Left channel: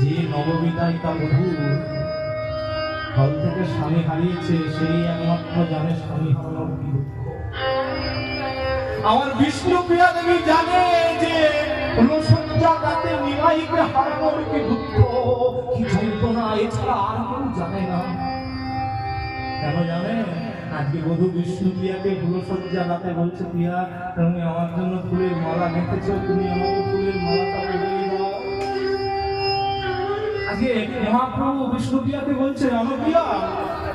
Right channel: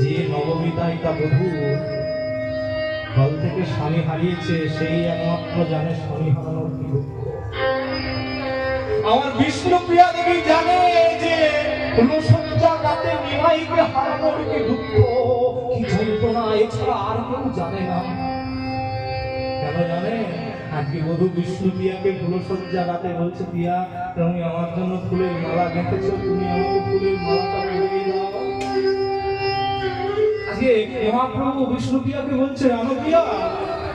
যে নববিবাহিতা বধূ দল থেকে স্বামী হারিয়েছে সেই একমাত্র জানে স্বামী হারানোর কি দুঃখ। আমার বিষ্ণুপ্রিয়া দেবী জানে যে ফুলসজ্জা রাতে নিমাইকে হারানোর কি দুঃখ, কি যন্ত্রণা, এছাড়া আর কেউ জানে না। কেন জানে? আজকে বধূ বিষ্ণুপ্রিয়াকে ফুলসজ্জা রাতে বলছে, প্রিয়া তুমি আমার জন্য ফুলের মালা গেঁথেছো, তুমি আমাকে ফুলের মালাটা পরিয়ে দাও। আজকে মহাপ্রভু বিষ্ণুপ্রিয়াকে বলছে, অনুপ্রিয়া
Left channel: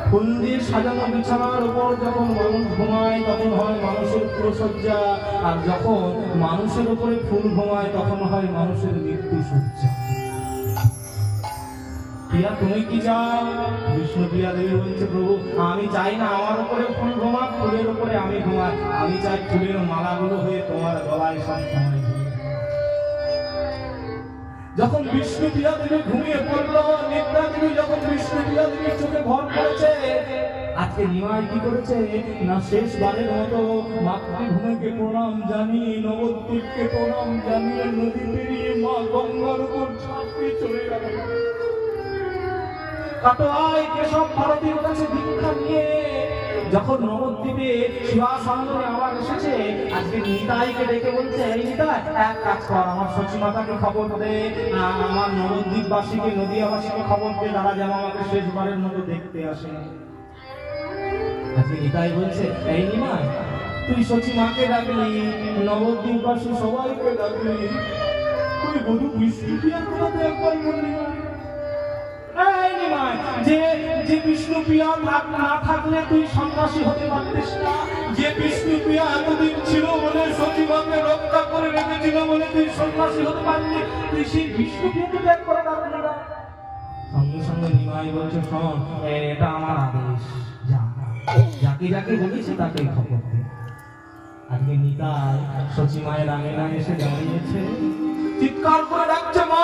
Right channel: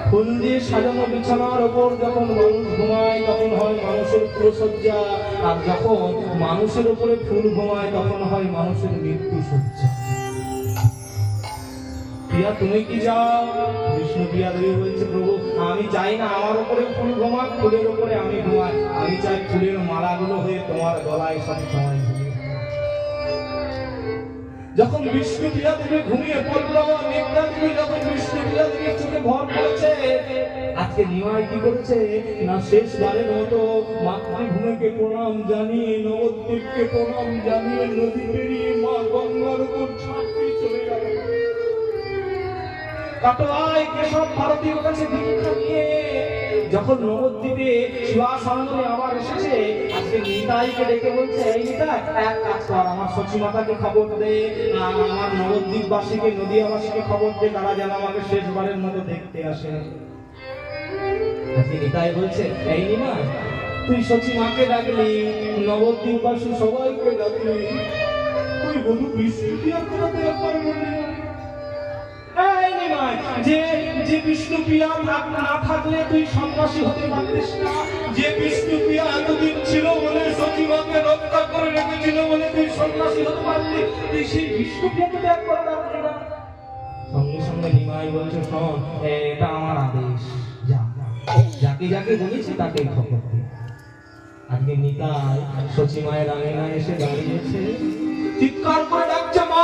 ফুল দিয়ে সাজানো বিছানার ওপর যখন মানুষ ঘুমায় তখন হয় মানুষের ফুলসজ্জা, আর যখন মানুষের উপরে ফুল ঘুমায় তখন হয় মানুষের মৃত্যু সজ্জা। প্রিয়া তুমি কি চাও? বিষ্ণুপ্রিয়া দেবী বলছে, প্রভু আমি চাই না আমার উপরে ফুল ঘুমাক, ফুলের উপরে আমি ঘুমাই, আমি চাই ফুলের মালাগুলো হয়ে তোমার গলায় সবসময়। যখন বিষ্ণুপ্রিয়া দেবী ঘুমিয়ে পড়ল, নিদ্রা দেবী যখন বিষ্ণুপ্রিয়া দেবীর চোখে ঘর পড়েছে, আজকে নিমাই কি করেছে না শেষবারের মতো মাতৃভূমিকে প্রণাম জানিয়ে, নবদ্বীপকে প্রণাম জানিয়ে নদী পেরিয়ে মা গঙ্গার উপর ঝাঁপিয়ে চলে গেল। কাটোয়ায় কেশব ভারতীর কাছে দীক্ষা নিয়ে যখন নবদ্বীপে শিবাসানন্দে আবার এসেছে, আজকে নিতাইকে ডেকে বলছে, এই নিতাই এক কাজ কর, আমার সচিমাতাকে খবর দে, আর আমার নবদ্বীপবাসীকে নদীয়াবাসীকে খবর দে, তারা যেন আমাকে শেষবারের মতো দেখতে আসে। আজকে নিতাই বলছে, এই নিমাই তুই সচিমাকে ডাকলি, নবদ্বীপবাসী সবাইকে ডাকলি, তুই বধূ বিষ্ণুপ্রিয়ার কথা একবার বললি না? যে বিষ্ণুপ্রিয়া না থাকলে তুই সন্ন্যাসী হতে পারতিস না, যে বিষ্ণুপ্রিয়া এতদিন ছিল বলে সচিমাকে রক্ষা করে রেখেছিল বলে তুই সন্ন্যাসী হতে পারলি, তুই সেই বিষ্ণুপ্রিয়াকে ত্যাগ করে ডাকলি না? সঙ্গে সঙ্গে নিমাই বলছে, শোন এটা আমার আদেশ, যা যাকে যাকে বলেছি তাকে খবর দে। আজকে নিতাই সচিমায়ের আঙিনা এসে দাঁড়িয়েছে, চিৎকার করে ডাকছে, মা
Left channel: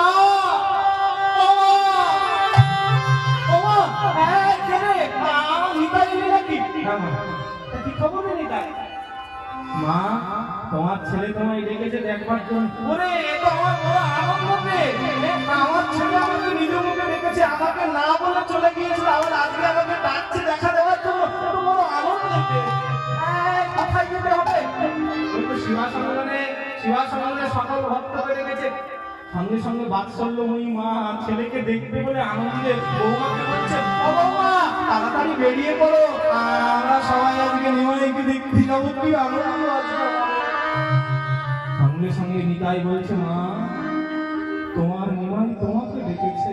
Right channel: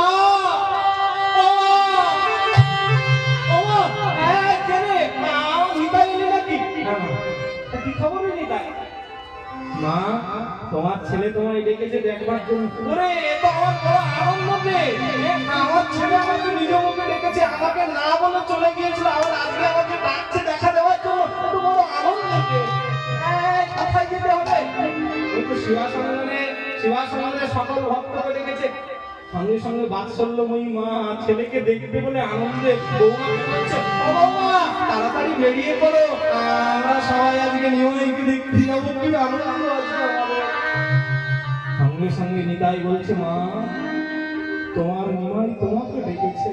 মা তোমার ছেলে তোমায় ডেকেছে দেখবার জন্য। ওরে এটা আমার বড় আনন্দ রে, আমার ছেলে আমাকে নিজ মুখে ডেকেছে, আমাকে না বলে চলে গিয়েছিল, আবার আজকে আমাকে ডাকছে দেখা দেওয়ার জন্য, কত বড় আনন্দ রে। কোথায় যেতে হবে? একটু শিবাসানন্দে সকল ভক্তকে ডেকেছে। সঙ্গে সঙ্গে বাৎসল্যময়ী মা ছেলেকে দেখতে বলে আনন্দে বৌমাকে বলছে, ও বৌমা তাড়াতাড়ি বেরিয়ে পড়ো, আমরা সবাই আজকে নিমাইকে দেখতে যাবো, কি আনন্দ আছে। সঙ্গে সঙ্গে নিতাই বলছে, মা তোমার নিমাই তোমাকে ডেকেছে,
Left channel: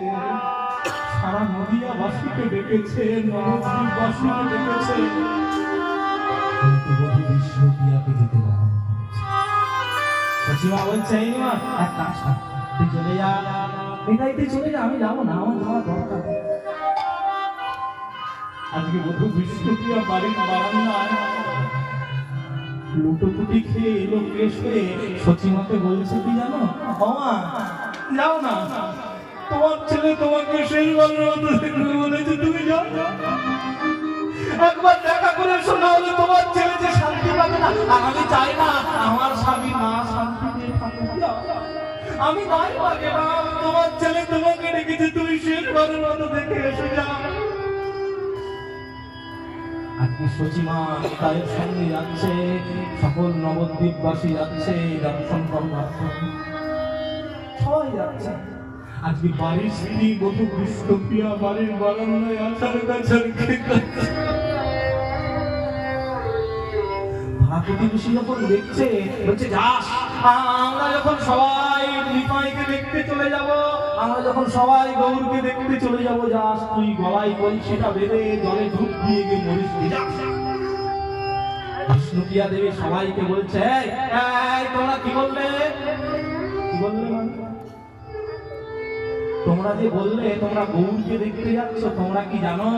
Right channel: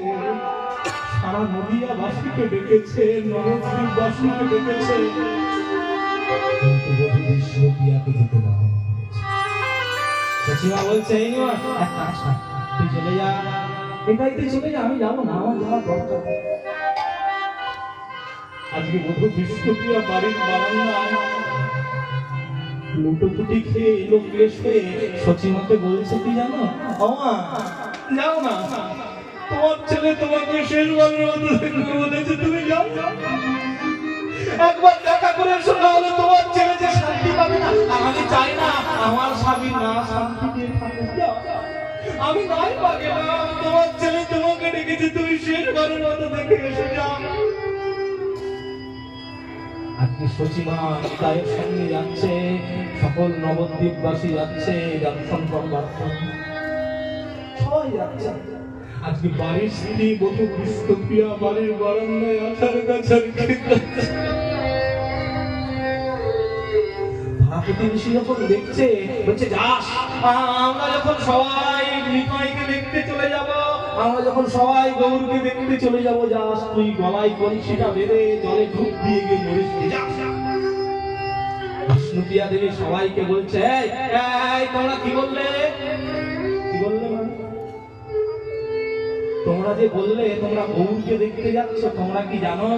সারা নদিয়াবাসীকে ডেকেছে, নবদ্বীপবাসীকে ডেকেছে, কিন্তু বধূ বিষ্ণুপ্রিয়াকে যেতে বারণ করেছে। সচিমা বলছে, এই নিমাই এক কাজ কর, তুই চলে যা, নিতাই তুই চলে যা, আমি যাবো না, আমার যাওয়ার দরকার। আজকে বধূ বিষ্ণুপ্রিয়া বাড়ির বারান্দায় লুটোপুটি খেয়ে এলো ক্লেশ হয়ে সচিমাকে বলছে, কি জানো বাবা যাও না, তোমার ছেলে তোমাকে শেষবারের মতো দেখতে বলেছে, তুমি যাও একবার দেখা করে এসো, নাহলে তোমার ছেলে যে শান্তি পাবে না, আর আমি চাই না আমার স্বামী না শান্তিতে থাকে। আমি গায়ে পাগে না, তোমার ছেলে তোমাকে ডেকেছে, তুমি শেষবারের মতো দেখে এসে যাও। আজকে সচিমা নিতাইয়ের সঙ্গে যাচ্ছে, সকল নবদ্বীপবাসী যাচ্ছে দর্শন করবার জন্য, সবাই যাচ্ছে। আজকে বাড়ির স্ত্রী বধূ বিষ্ণুপ্রিয়া বাড়ির বারান্দায় আছাড় কাছাড় খেতে, প্রতিবেশী যখন দেখছে বলছে, যাস আমরা যখন সবাই নিমাইকে দেখতে চলে যাব, আমরা যখন সবাই গৌরকে দেখতে চলে যাব, যাস তুই গলায় কলসিটা বেঁধে জলে ডুব দিয়ে গিয়ে মরিস। বিষ্ণুপ্রিয়া দেবী সবাইকে বলছে, এই তোমরা কি বললে, কি বললে? তোমরা যে বললে তোমরা গৌরকে দেখতে যাচ্ছ, তোমরা কি জানো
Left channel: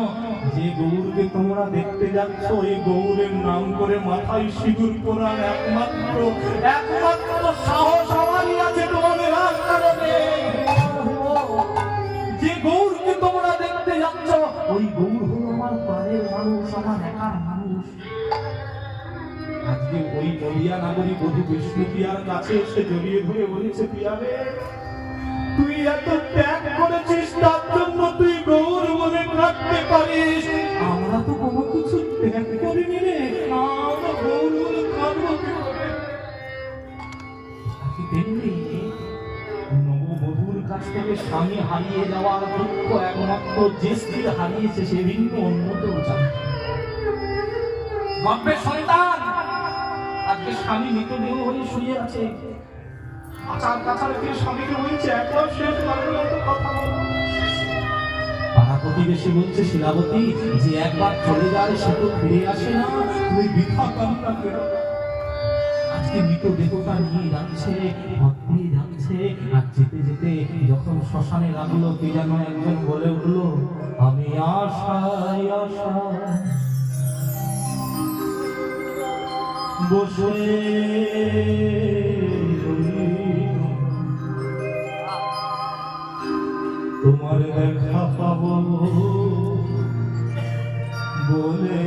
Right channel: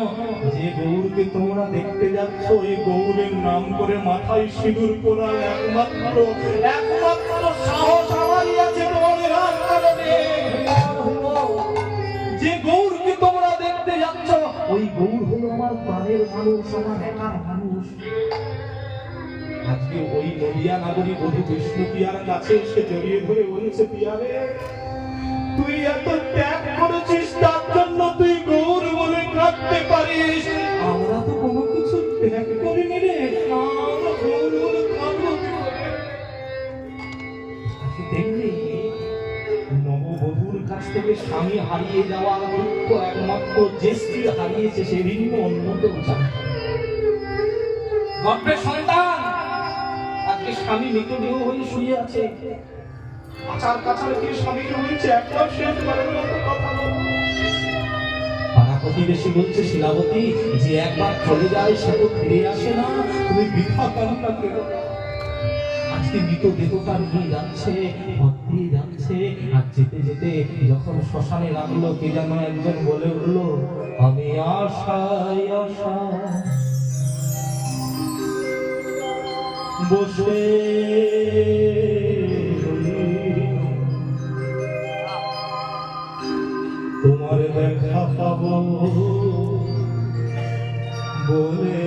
যে গৌরকে তোমরা দেখতে যাচ্ছ, এই গৌরের নাম করে মাথায় সিঁদুর পরা একমাত্র সাহস আমারই আছে তোমাদের আস্তানে। যে গৌরকে তোমরা দেখতে যাচ্ছ, ওই গৌর হলো আমার প্রাণের মানুষ, আমার একার মানুষ। আজকে ওই নদিয়া নাগরী বধূ বিষ্ণুপ্রিয়ার কাছে এসে জড়িয়ে ধরে বলেছে, প্রিয়া রে তুই এত ত্যাগ করে কাছ থেকে স্বামী হারিয়ে যাওয়ার দুঃখ একমাত্র যে স্ত্রী হারিয়েছে সে ভিন্ন অন্য কেউ জানে না। গর্ভের সন্তান আজকে স্বামী মৃতদেহ হয়ে শুয়ে আছে, আচার কাছার কে স্বামীকে বলছে একবার শেষ বারের মতো কথা বলো। পাড়া প্রতিবেশী বলছে শিলাবতী যে একবার চলে যায় সে তো ফিরে আসে না, তুমি বৃথা কান্না করো। আজকে মৃতদেহটা নিয়ে যাচ্ছে, ভক্তি যাচ্ছে, আর যেতে যেতে যখন শ্মশানে নামলো কে যেন একজন বলে উঠলো, আমি আশায় আশায় বসে তোমার দেখা পাবো বলে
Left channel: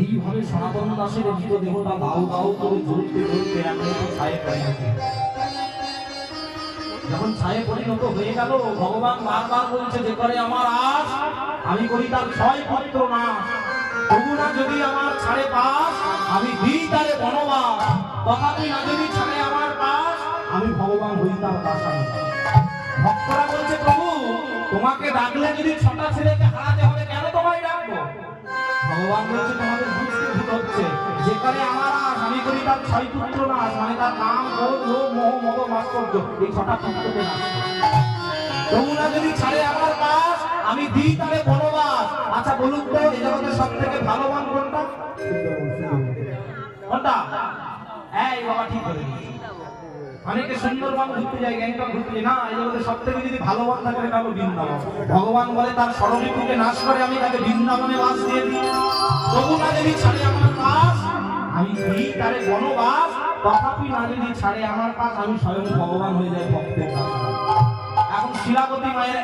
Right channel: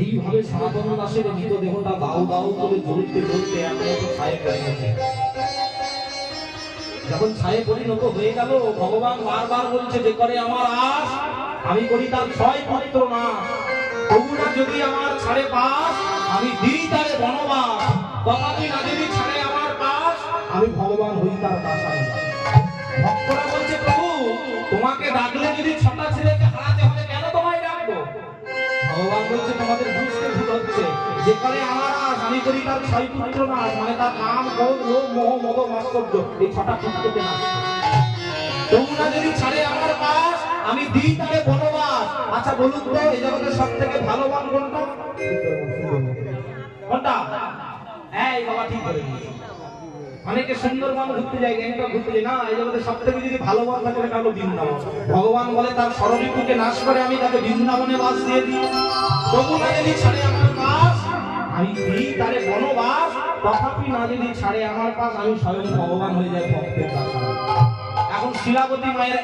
এইভাবে সনাতন দাসের মৃতদেহটা দাও দাও করে জ্বলতে জ্বলতে একমাত্র ছায়ে পরিণত। যখন ছায়ে পরিণত হয়ে গেল, ভগবান বারবার বলছে যে করে আমার আশ আমি করি তার ছয় পুত্র নাশ, তবুনা যদি আমার ছাড়ে পাশ আমি দিই তারে বনবাস, তথাপি না যদি ছাড়ে আমার পাশ আমি ভগবান হই তার দাসান। ভক্তরা বলছে প্রভু তোমাকে ডাকলে যদি ছটা ছেলেকে হারাতে হবে কেন তোমায় ডাকবো? ভগবান বলছে তোমাদের বুঝতে ভুল হচ্ছে, যে করে আমার আশ আমি করি তার ছয় পুত্র নাশ, মানে তার নাম ক্রোধ লোভ মোহ মদ মাৎসর্য, এই ছটা পুত্রকে নাশ। তোমরা যদি ছাড়ে আমার পাশ আমি দিই তারে বনবাস। আচ্ছা বলুন তো এই জগতের সব থেকে ভালো বান কোনটা? কোনটা? এই বাবা ঠিক করে দিয়েছে। অনেকে সুন্দরবন ঘুরতে যায়, গ্যাংটক ঘুরতে যায়, না এই জগতের সব থেকে যদি ভালো বান থাকে এটা হলো বৃন্দাবন। ভগবান বলে তার স্মরণীকে নাশ করে আমি তাকে বৃন্দাবনে বাস দিয়ে দিই। তবু না যদি ছাড়ে আমার পাশ আমি দিই তারে বনবাস, তথাপি না যদি ছাড়ে আমার পাশ আমি স্বয়ং ভগবান হয়ে যাই ভক্তের পাশ। এখন শিলাবতী মায়ের